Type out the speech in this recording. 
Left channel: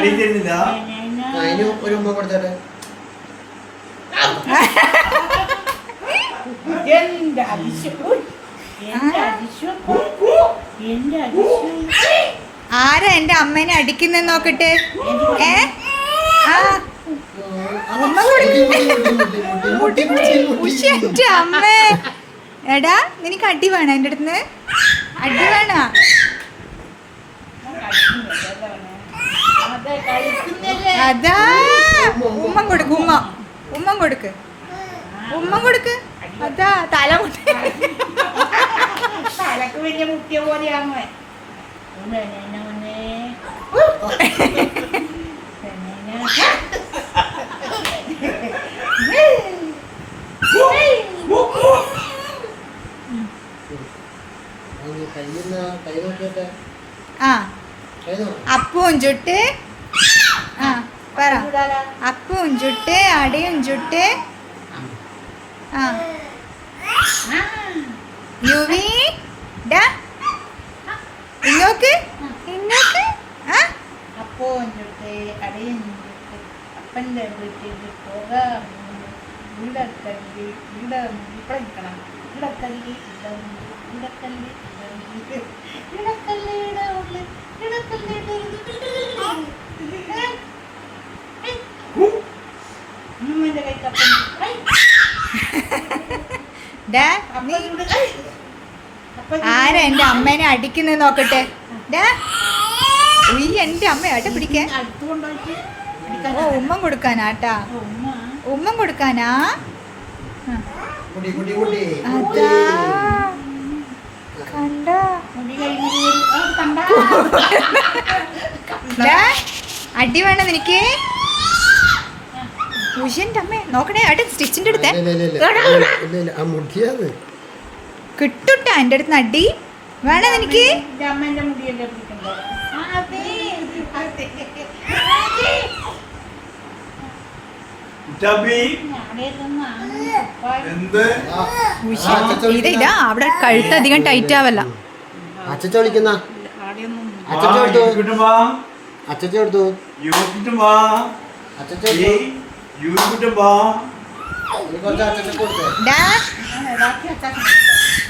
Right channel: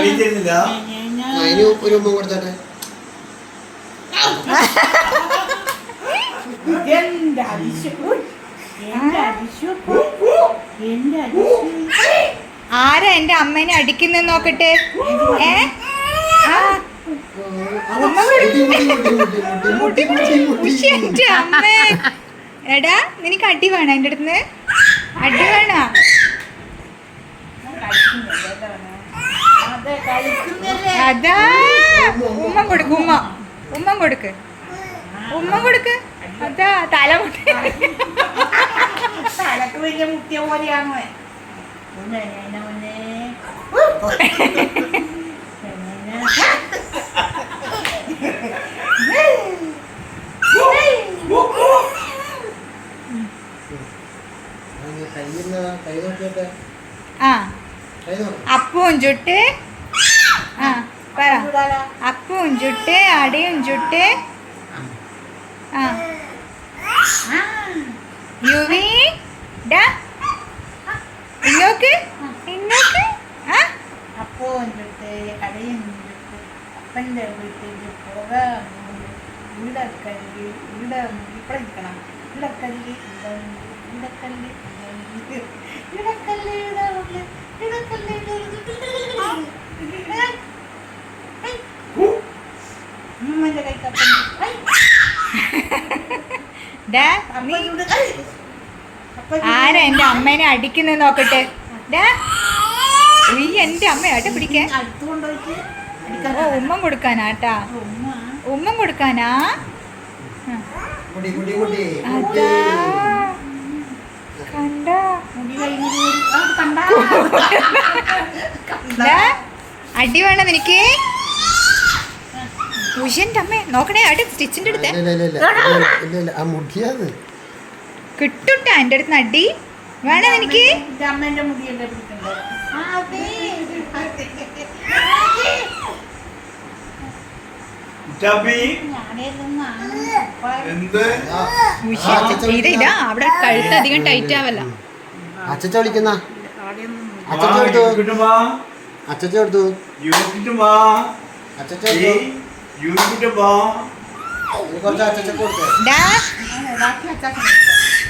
അതിന് ഒരു ഉമ്മ കൊടുത്തട്ടെ. ആരാ എന്റെ അമ്മേനെ അടിക്കുന്ന നോക്കട്ടെ. അമ്മേ എടാ നിനക്ക് അടി വേണ എന്റെ അടുത്ത് അടി വേണ. അതാ ഉമ്മ കൊടുക്ക് ഉമ്മ കൊടുക്ക് അതാ തല മുട്ടി തലക്ക് വലിയ മുട്ടിയ പോലെയാണോ? അപ്പവും ചുട്ട് പറ. അപ്പവും ചുട്ട് അടയും ചുട്ട് യുവി ഇങ്ങോക്ക് അപ്പവും ചുട്ട് അടയും ചുട്ട് അപ്പൻ്റെ വീട്ടിൽ പോകാം. ഇവിടെ കല്ല് ഇവിടെ ഇവിടെ നിൽക്കണം. ഇവിടെ കല്ല് ഇടക്കല്ല് അമ്മൻ്റെ കൈക്കപ്പം ആരാ എന്റെ അമ്മേനെ അടിക്കുന്നത് നോക്കട്ടെ. എന്റെ അമ്മ ഏട്ടാ പിടിക്കാൻ ഉമ്മ കൊടുക്കാനാട്ടാ. ഉമ്മ കൊടുക്കാനാ. അതാ അടി വേണം എനിക്ക്. ഉഷന്റെ അമ്മ നോക്കണേ അടി സ്റ്റിച്ചിന്റെ അടുത്ത് കിട്ടുട്ടാ എന്റെ അടുത്ത് അടി വേണം എനിക്ക്. അമ്മേന്റെ മുടിയല്ലേ പിടിക്കണ്ടോ? ഇല്ല അവിടെ കഴുത്ത് അധികം ടൈറ്റ് ആവല്ല. അച്ഛ വിളിക്കുന്ന ഡാ